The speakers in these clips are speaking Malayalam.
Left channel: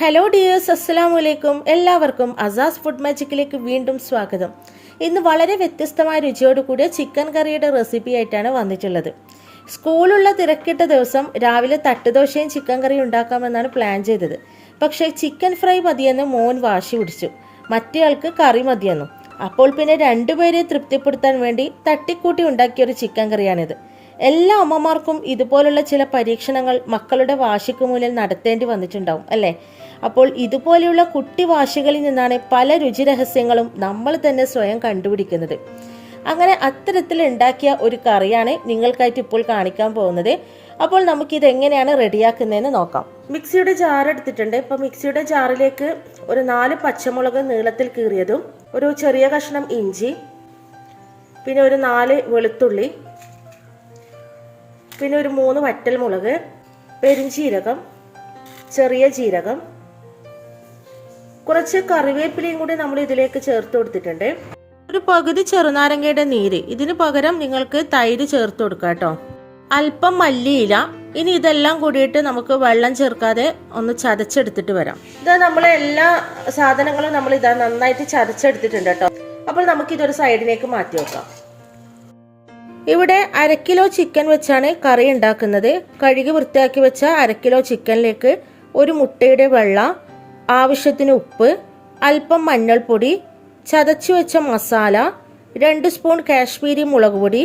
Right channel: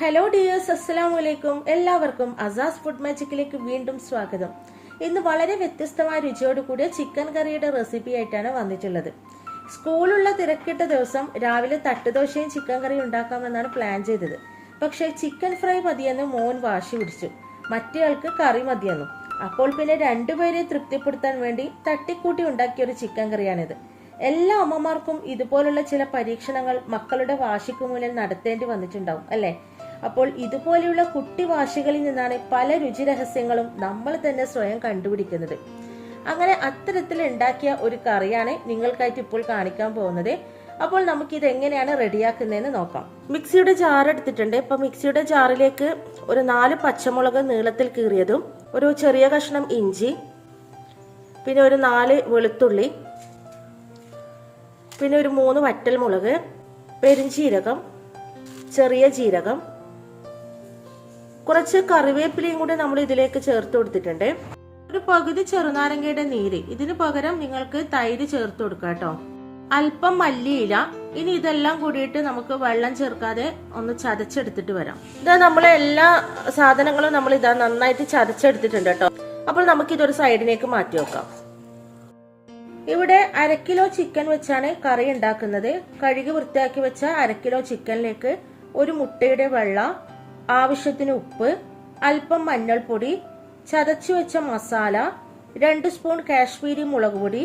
ഹലോ ഡിയേഴ്സ്, അസ്സലാമു അലൈക്കും. എല്ലാവർക്കും അസാസ് ഫുഡ് മാജിക്കിലേക്ക് വീണ്ടും സ്വാഗതം. ഇന്ന് വളരെ വ്യത്യസ്തമായ രുചിയോട് കൂടിയ ചിക്കൻ കറിയുടെ റെസിപ്പി ആയിട്ടാണ് വന്നിട്ടുള്ളത്. സ്കൂളുള്ള തിരക്കിട്ട ദിവസം രാവിലെ തട്ടുദോശയും ചിക്കൻ കറിയും ഉണ്ടാക്കാമെന്നാണ് പ്ലാൻ ചെയ്തത്. പക്ഷേ ചിക്കൻ ഫ്രൈ മതിയെന്ന് മോൻ വാശി പിടിച്ചു. മറ്റേയാൾക്ക് കറി മതിയെന്നും. അപ്പോൾ പിന്നെ രണ്ടുപേരെ തൃപ്തിപ്പെടുത്താൻ വേണ്ടി തട്ടിക്കൂട്ടി ഉണ്ടാക്കിയൊരു ചിക്കൻ കറിയാണിത്. എല്ലാ അമ്മമാർക്കും ഇതുപോലുള്ള ചില പരീക്ഷണങ്ങൾ മക്കളുടെ വാശിക്ക് മുന്നിൽ നടത്തേണ്ടി വന്നിട്ടുണ്ടാവും അല്ലേ? അപ്പോൾ ഇതുപോലെയുള്ള കുട്ടി വാശികളിൽ നിന്നാണ് പല രുചി രഹസ്യങ്ങളും നമ്മൾ തന്നെ സ്വയം കണ്ടുപിടിക്കുന്നത്. അങ്ങനെ അത്തരത്തിൽ ഉണ്ടാക്കിയ ഒരു കറിയാണ് നിങ്ങൾക്കായിട്ട് ഇപ്പോൾ കാണിക്കാൻ പോകുന്നത്. അപ്പോൾ നമുക്കിത് എങ്ങനെയാണ് റെഡിയാക്കുന്നതെന്ന് നോക്കാം. മിക്സിയുടെ ജാർ എടുത്തിട്ടുണ്ട്. ഇപ്പം മിക്സിയുടെ ജാറിലേക്ക് ഒരു 4 പച്ചമുളക് നീളത്തിൽ കീറിയതും, ഒരു ചെറിയ കഷ്ണം ഇഞ്ചി, പിന്നെ ഒരു 4 വെളുത്തുള്ളി, പിന്നെ ഒരു 3 വറ്റൽമുളക്, പെരുംജീരകം, ചെറിയ ജീരകം, കുറച്ച് കറിവേപ്പിലയും കൂടി നമ്മൾ ഇതിലേക്ക് ചേർത്ത് കൊടുത്തിട്ടുണ്ട്. ഒരു പകുതി ചെറുനാരങ്ങയുടെ നീര്. ഇതിന് പകരം നിങ്ങൾക്ക് തൈര് ചേർത്ത് കൊടുക്കാം കേട്ടോ. അല്പം മല്ലിയില. ഇനി ഇതെല്ലാം കൂടിയിട്ട് നമുക്ക് വെള്ളം ചേർക്കാതെ ഒന്ന് ചതച്ചെടുത്തിട്ട് വരാം. ഇതാ നമ്മളെ എല്ലാ സാധനങ്ങളും നമ്മൾ ഇതാ നന്നായിട്ട് ചതച്ചെടുത്തിട്ടുണ്ട് കേട്ടോ. അപ്പോൾ നമുക്കിതൊരു സൈഡിലേക്ക് മാറ്റി വെക്കാം. ഇവിടെ 1/2 കിലോ ചിക്കൻ വെച്ചാണ് കറി ഉണ്ടാക്കുന്നത്. കഴുകി വൃത്തിയാക്കി വെച്ച 1/2 കിലോ ചിക്കനിലേക്ക് ഒരു മുട്ടയുടെ വെള്ള, ആവശ്യത്തിന് ഉപ്പ്, അല്പം മഞ്ഞൾപ്പൊടി, ചതച്ചു വെച്ച മസാല, 2 സ്പൂൺ കാശ്മീരി മുളക് പൊടി,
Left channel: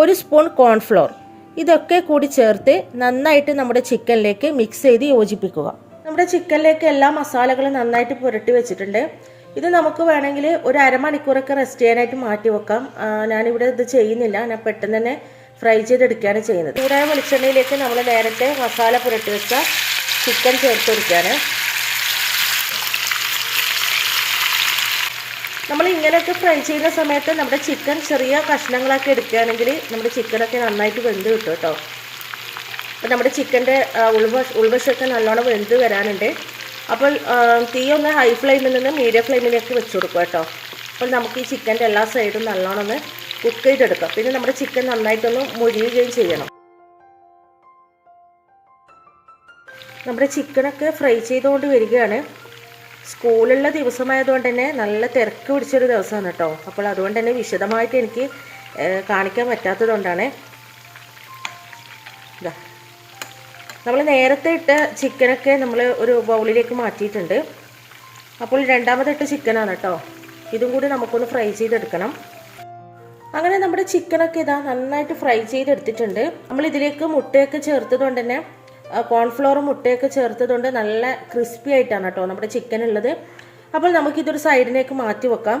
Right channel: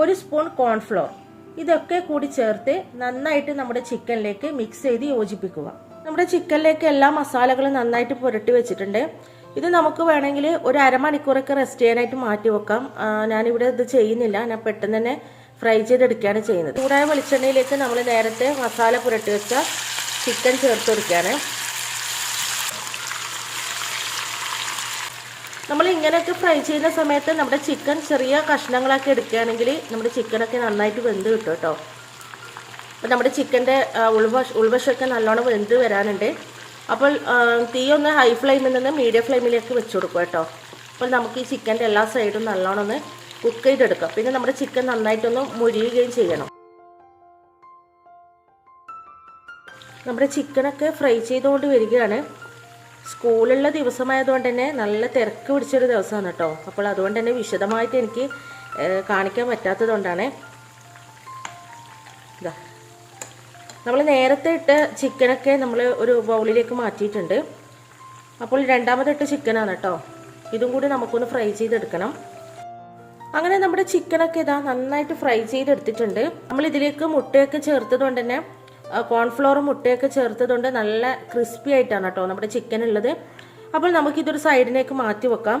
1 സ്പൂൺ കോൺഫ്ലോർ, ഇതൊക്കെ കൂടി ചേർത്ത് നന്നായിട്ട് നമ്മുടെ ചിക്കനിലേക്ക് മിക്സ് ചെയ്ത് യോജിപ്പിക്കുക. നമ്മുടെ ചിക്കനിലേക്ക് എല്ലാ മസാലകളും നന്നായിട്ട് പുരട്ടി വെച്ചിട്ടുണ്ട്. ഇത് നമുക്ക് വേണമെങ്കിൽ ഒരു അരമണിക്കൂറൊക്കെ റെസ്റ്റ് ചെയ്യാനായിട്ട് മാറ്റി വെക്കാം. ഞാനിവിടെ ഇത് ചെയ്യുന്നില്ല, ഞാൻ പെട്ടെന്ന് തന്നെ ഫ്രൈ ചെയ്തെടുക്കുകയാണ് ചെയ്യുന്നത്. ചൂടായ വെളിച്ചെണ്ണയിലേക്ക് നമ്മൾ നേരത്തെ മസാല പുരട്ടി വെച്ച ചിക്കൻ ചേർത്ത് കൊടുക്കുകയാണ്. നമ്മൾ ഇങ്ങനെയൊക്കെ ഫ്രൈ ചെയ്യുന്ന സമയത്ത് നമ്മുടെ ചിക്കൻ ചെറിയ കഷ്ണങ്ങളാക്കി എടുക്കുകയാണെങ്കിൽ നമ്മുടെ ചിക്കനൊക്കെ നന്നായിട്ട് വെന്ത് കിട്ടും കേട്ടോ. അപ്പം നമ്മുടെ ചിക്കൻ്റെ ഉൾവശമൊക്കെ നല്ലോണം വെന്ത് വരാനുണ്ട്. അപ്പോൾ തീ ഒന്ന് ഹൈ ഫ്ലെയിമിൽ നിന്ന് മീഡിയം ഫ്ലെയിമിലേക്ക് വെച്ച് കൊടുക്കുക കേട്ടോ. അപ്പോൾ നമുക്ക് ഈ ചിക്കൻ്റെ എല്ലാ സൈഡും നല്ലോണം ഒന്ന് കുക്ക് ചെയ്തെടുക്കാം. പിന്നെ നമ്മുടെ ചിക്കൻ നന്നായിട്ടൊന്ന് മുരിയുകയും ചെയ്യണം. നമ്മുടെ ചിക്കനൊക്കെ ഫ്രൈ ചെയ്തുകൊണ്ട് വരികയാണ്. സ്കൂളുള്ള ദിവസമായതുകൊണ്ട് തന്നെ നല്ല തിരക്ക് പിടിച്ചൊരു ദിവസമാണ് കേട്ടോ. അപ്പോൾ അതുകൊണ്ട് തന്നെ വിശദമായിട്ട് എനിക്ക് കാണിക്കാൻ പറ്റാത്തത് കൊണ്ടാണ്. ഇതാ നമ്മൾ നേരത്തെ ഇട്ട ചിക്കനൊക്കെ നമ്മൾ ഒരു ബൗളിലേക്ക് മാറ്റിയിട്ടുണ്ട്. അപ്പോൾ രണ്ടാമതിട്ട ചിക്കനാണ് കേട്ടോ. ഇതും കൂടി നമുക്കൊന്ന് ഫ്രൈ ചെയ്തെടുക്കണം. അങ്ങനെ നമ്മുടെ ചിക്കനൊക്കെ ഇതാ നന്നായിട്ട് ഫ്രൈ ചെയ്തെടുത്തിട്ടുണ്ട്. നമ്മൾ ഇതിലേക്ക് മുട്ടയൊക്കെ ചേർത്തത് കൊണ്ട് തന്നെ, കോൺഫ്ലോറും മുട്ടയൊക്കെ ചേർത്തതുകൊണ്ട് നല്ല ക്രിസ്പി ആയിട്ടാണ് കേട്ടോ നമ്മുടെ ചിക്കൻ ഉള്ളത്. അപ്പോൾ നമുക്കിതൊരു സൈഡിലേക്ക് മാറ്റി വെക്കാം.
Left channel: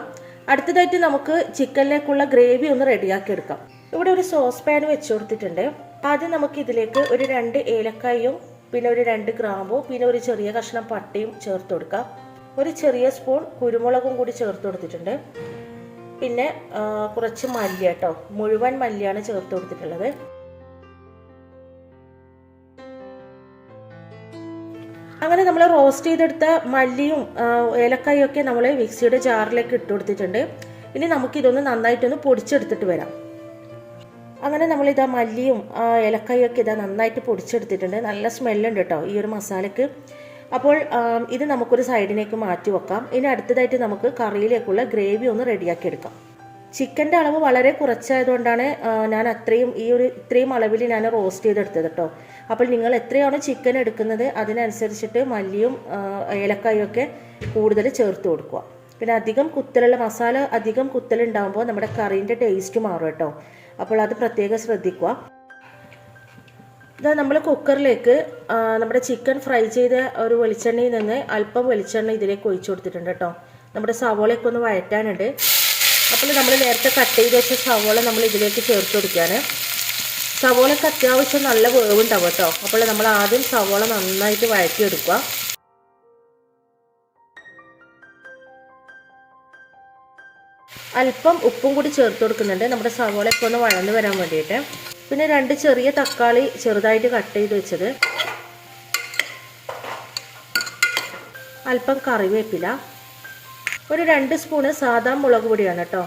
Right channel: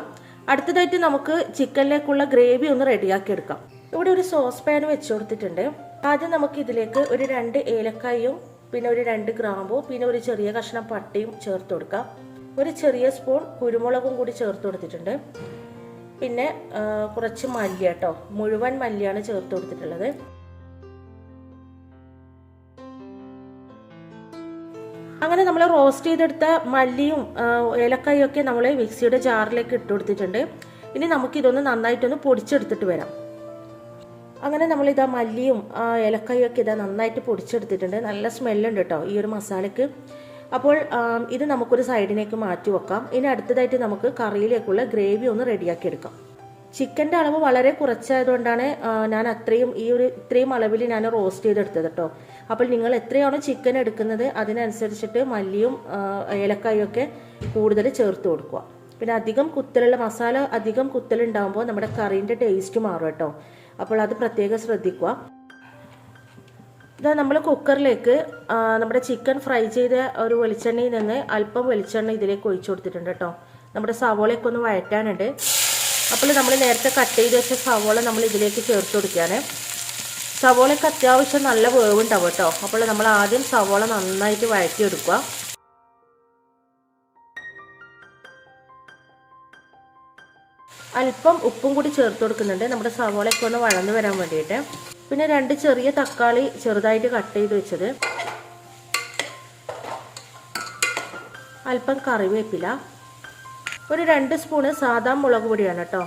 അടുത്തതായിട്ട് നമുക്ക് ചിക്കനിലേക്കുള്ള ഗ്രേവി ഒന്ന് റെഡിയാക്കി എടുക്കാം. ഇവിടെ ഒരു സോസ് പാൻ വെച്ച് കൊടുത്തിട്ടുണ്ട്. ആദ്യം നമുക്ക് ഇതിലേക്ക് ഒരു 2 ഏലക്കായും, പിന്നെ ഒരു 2 ഗ്രാമ്പും, പിന്നെ ഒരു ചെറിയ കഷ്ണം പട്ടയും ചേർത്ത് കൊടുക്കാം. ഒരു ചെറിയ സ്പൂൺ കുരുമുളകും കൂടി ചേർത്ത് കൊടുത്തിട്ടുണ്ട്. പിന്നെ കുറച്ച് മല്ലി കേട്ടോ, മുഴുവൻ മല്ലിയാണ് ചേർത്ത് കൊടുത്തിട്ടുള്ളത്. അങ്ങനെ നമ്മൾ റോസ്റ്റ് ചെയ്തെടുത്ത മല്ലിയും ഏലക്കായും ഒക്കെ നമ്മൾ മിക്സിയുടെ ജാറിലേക്ക് ഇട്ട് കൊടുത്തിട്ടുണ്ട്. ഇനി നമുക്കിതൊന്ന് നന്നായിട്ടൊന്ന് പൊടിച്ചെടുത്തിട്ട് വരാം. അങ്ങനെ നമ്മളിതാ മല്ലിയും ഏലക്കായും ഒക്കെ ഇതാ നന്നായിട്ട് പൊടിച്ചെടുത്തിട്ടുണ്ട്. നല്ല സ്മെല്ലുണ്ട് കേട്ടോ ഈ ഒരു മസാലയ്ക്ക്. അപ്പോൾ ഇത് നമുക്കൊരു സൈഡിലേക്ക് മാറ്റി വെക്കാം. ഇനി അടുത്തതായിട്ട് നമുക്ക് കറിയിലേക്കുള്ള ഗ്രേവി ഒന്ന് റെഡിയാക്കി എടുക്കാം. ചിക്കൻ്റെ അളവ് വളരെ കുറച്ചായതുകൊണ്ടാണ് ഞാൻ ഇത്രയും അളവിൽ ഞാൻ റോസ്റ്റ് ചെയ്തെടുത്തത് കേട്ടോ. അപ്പോൾ നിങ്ങൾ എത്രയാണോ ചിക്കൻ എടുക്കുന്നത് അതിനനുസരിച്ചിട്ട് മല്ലിയും ഏലക്കായും ഒക്കെ കൂടുതൽ ചേർത്ത് കൊടുക്കുക. പിന്നെ മസാല അധികം കുത്തലുണ്ടാകുമ്പോൾ നമ്മുടെ കറീൻ്റെ ടേസ്റ്റ് മാറും കേട്ടോ. അപ്പോൾ അത് പ്രത്യേകം ശ്രദ്ധിക്കുക. ഇതാ നമ്മൾ കുക്കറിലേക്ക് നമ്മുടെ ചിക്കൻ ഫ്രൈ ചെയ്ത ഒരു വെളിച്ചെണ്ണയിൽ നിന്ന് അല്പം വെളിച്ചെണ്ണ ഇതിലേക്ക് ഒഴിച്ചു കൊടുത്തിട്ടുണ്ട് കേട്ടോ. നമ്മുടെ സവോളയൊക്കെ ഒന്ന് വഴറ്റാനുണ്ട്. അപ്പോൾ നമ്മൾ നേരത്തെ കട്ട് ചെയ്ത് വെച്ച സവോള നമ്മൾ ഇതിലേക്ക് ചേർത്ത് കൊടുക്കുകയാണ്. സവോളയ്ക്ക് അത്യാവശ്യം നല്ല വേവുണ്ടാവും കേട്ടോ. അപ്പോൾ നമ്മൾ ആദ്യം സവോള നന്നായിട്ട് വഴറ്റിയെടുക്കുക. അല്പം ഉപ്പും കൂടി ചേർത്ത് കൊടുക്കുന്നുണ്ട് നമ്മുടെ സവോളയൊക്കെ ഒന്ന് വഴന്ന് വരാൻ വേണ്ടിയിട്ട്. പിന്നെ 2 ചെറിയ തക്കാളി ചെറുതായിട്ട് കട്ട് ചെയ്ത് വെച്ചത്, അല്പം കറിവേപ്പില, ഒരു 2 സ്പൂണ് സാദാ മുളക് പൊടിയാണ് കേട്ടോ.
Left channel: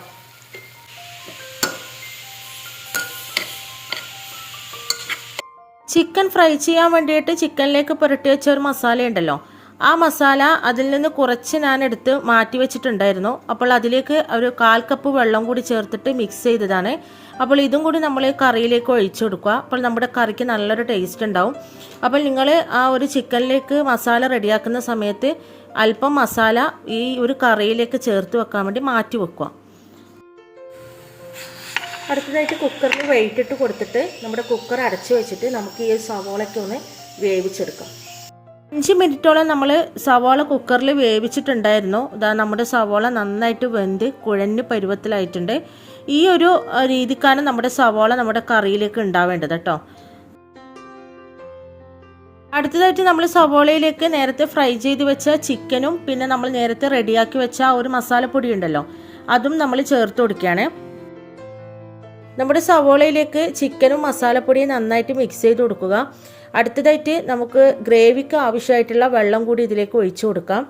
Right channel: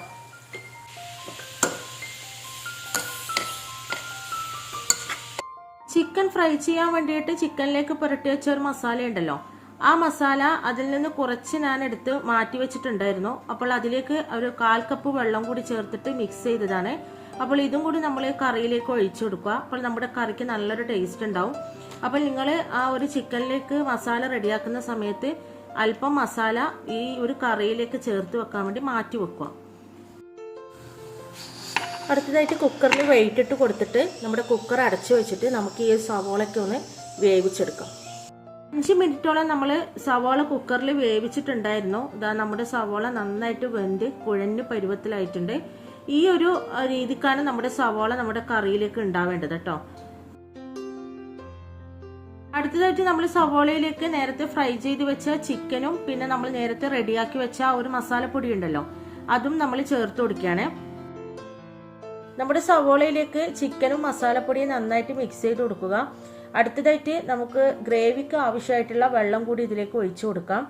ചിക്കൻ ഫ്രൈ ചെയ്യാൻ വേണ്ടിയിട്ട് ചിക്കനിലേക്ക് പുരട്ടി വെച്ച ഒരു മസാല ഉണ്ടല്ലോ, ആ മസാല അതിൽ നിന്ന് കുറച്ച് ഞാൻ എടുത്ത് മാറ്റി വെച്ചിട്ടുണ്ടായിരുന്നു. അപ്പോൾ അതിലേക്ക് ഒരു 1/4 കപ്പ് വെള്ളം കൂടി ചേർത്തിട്ട് മിക്സ് ചെയ്തതാണ്. അപ്പോൾ ഇതും കൂടി നമ്മൾ കറിയിലേക്ക് ഒഴിച്ചു കൊടുക്കുക. അപ്പോൾ നമ്മുടെ കറിക്ക് നല്ലൊരു ടേസ്റ്റ് ഉണ്ടാവും. അപ്പോൾ നിങ്ങൾ ആ ഒരു ചിക്കനിലേക്ക് മസാല റെഡിയാക്കുന്ന സമയത്ത് അല്പം മസാല ഈ ഒരു കറിയിലേക്ക് ചേർത്ത് വെക്കാൻ വേണ്ടി മാറ്റി വെക്കുക. അടുത്തതായിട്ട് കുക്കറിൽ വെയിറ്റ് ഇട്ട് കൊടുത്തിട്ട് നമ്മുടെ കുക്കർ അടച്ചു വെച്ചിട്ട് നമുക്ക് ഈ സവോളയ്ക്ക് ഒന്ന് വേവിച്ചെടുക്കാം. 5 മിനിറ്റോളം നമ്മൾ സവാള കുക്കറിൽ വേവിച്ചിട്ടുണ്ടായിരുന്നു. ഇതാ നമ്മുടെ സവാള നന്നായിട്ട് വെന്ത് കുഴഞ്ഞ് പരുവത്തിലായിട്ടുണ്ട്. ഈ ഒരു രീതിക്കാണ് നമ്മുടെ സവാള നമ്മുടെ കറിയിലേക്ക് ഉണ്ടാവേണ്ടത് കേട്ടോ. അടുത്തതായിട്ട് നമ്മൾ സവാളയിലേക്ക് നേരത്തെ ഫ്രൈ ചെയ്ത് വെച്ച ചിക്കനും പിന്നെ നമ്മൾ നേരത്തെ റെഡിയാക്കി വെച്ച ഒരു മസാലപ്പൊടി ഉണ്ടല്ലോ അതും നമ്മൾ ചേർത്ത് കൊടുക്കുകയാണ്. നമ്മുടെ സവോളയിലേക്ക് ചിക്കനും മസാലപ്പൊടിയും നന്നായിട്ട് മിക്സ് ചെയ്ത് കൊടുക്കുക. അടുത്തതായിട്ട് നമുക്ക് ഗ്രേവിക്ക് ആവശ്യമായിട്ടുള്ള വെള്ളം കൂടി ഇതിലേക്ക് ഒഴിച്ചു കൊടുക്കാം.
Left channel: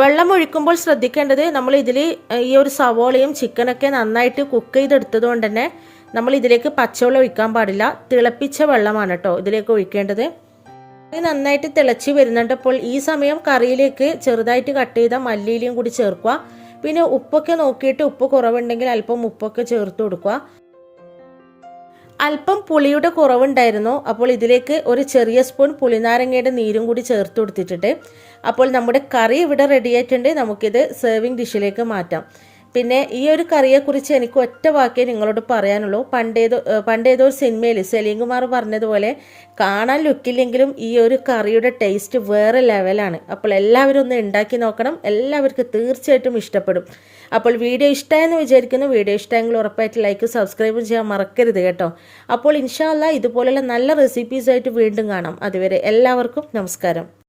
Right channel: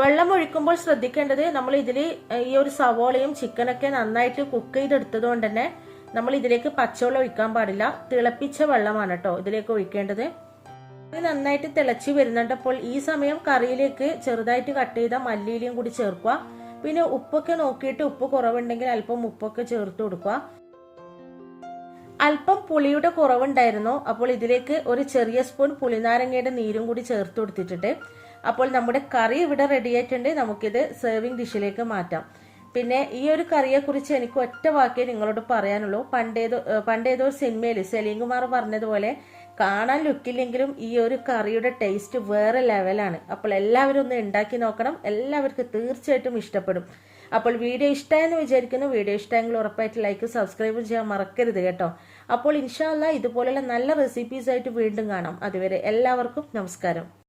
വെള്ളം ഒഴിക്കുമ്പോൾ ശ്രദ്ധിക്കേണ്ടത് നമ്മൾ ഇതിൽ ഈ ഒരു സവോളയും ചിക്കനൊക്കെ നന്നായിട്ട് കുക്ക് ചെയ്തെടുത്തത് കൊണ്ട് തന്നെ നമ്മൾ ഇതിലേക്ക് പച്ചവെള്ളം ഒഴിക്കാൻ പാടില്ല. തിളപ്പിച്ച വെള്ളമാണ് കേട്ടോ ഇതിലേക്ക് ഒഴിക്കേണ്ടത്. നന്നായിട്ട് തിളച്ച് വരുന്നുണ്ട്. അപ്പോൾ ഈ സമയം കറിയിലേക്ക് ചെറുതായിട്ട് കട്ട് ചെയ്ത മല്ലിയിലയും കൂടി ചേർക്കുക. പിന്നെ ഉപ്പൊക്കെ നോക്കിയിട്ട് ഉപ്പ് കുറവുണ്ടെങ്കിൽ അല്പം ഉപ്പൊക്കെ ചേർത്ത് കൊടുക്കുക. അല്പം പുളിയുടെ കുറവുണ്ടായിരുന്നു. അപ്പോൾ ഇതിലേക്ക് ഒരു ചെറിയ സ്പൂൺ പുളിനാരങ്ങയുടെ നീരും കൂടി ചേർത്ത് കൊടുത്തിട്ടുണ്ട്. അപ്പോൾ നമ്മുടെ കറി ഇവിടെ റെഡി ആയിട്ടുണ്ട്. നമുക്കിത് സെർവിങ് ഡിഷിലേക്ക് മാറ്റാം. പിന്നെ ഈ ഒരു കറിയെക്കുറിച്ച് എനിക്ക് ഒറ്റ വാക്കേ നിങ്ങളോട് പറയാനുള്ളൂ. പണ്ടേതോ ഒരു സിനിമയിൽ സലീം കുമാർ പറഞ്ഞതുപോലെ കാണാൻ ലുക്കില്ലെങ്കിലും ഈ ഒരു കറിയുടെ ടേസ്റ്റ് വേറെ ലെവലാണ്. അപ്പോൾ എല്ലാവരും ഒന്ന് ഉണ്ടാക്കി നോക്കണം. എല്ലാവർക്കും തീർച്ചയായിട്ടും ഇഷ്ടപ്പെടും. അപ്പോൾ വീഡിയോ ഇഷ്ടമായെന്ന് വിചാരിക്കുന്നു. വീഡിയോ ഇഷ്ടമെങ്കിൽ ഉറപ്പായിട്ട് ലൈക്ക് സബ്സ്ക്രൈബ് ചെയ്യാൻ മറക്കരുത് കേട്ടോ. അപ്പോൾ ഇൻഷാ അല്ലാഹ് ഇതുപോലുള്ള നല്ല റെസിപ്പീസായിട്ട് വീണ്ടും കാണാം. അതുവരെ എല്ലാവർക്കും നമസ്കാരം.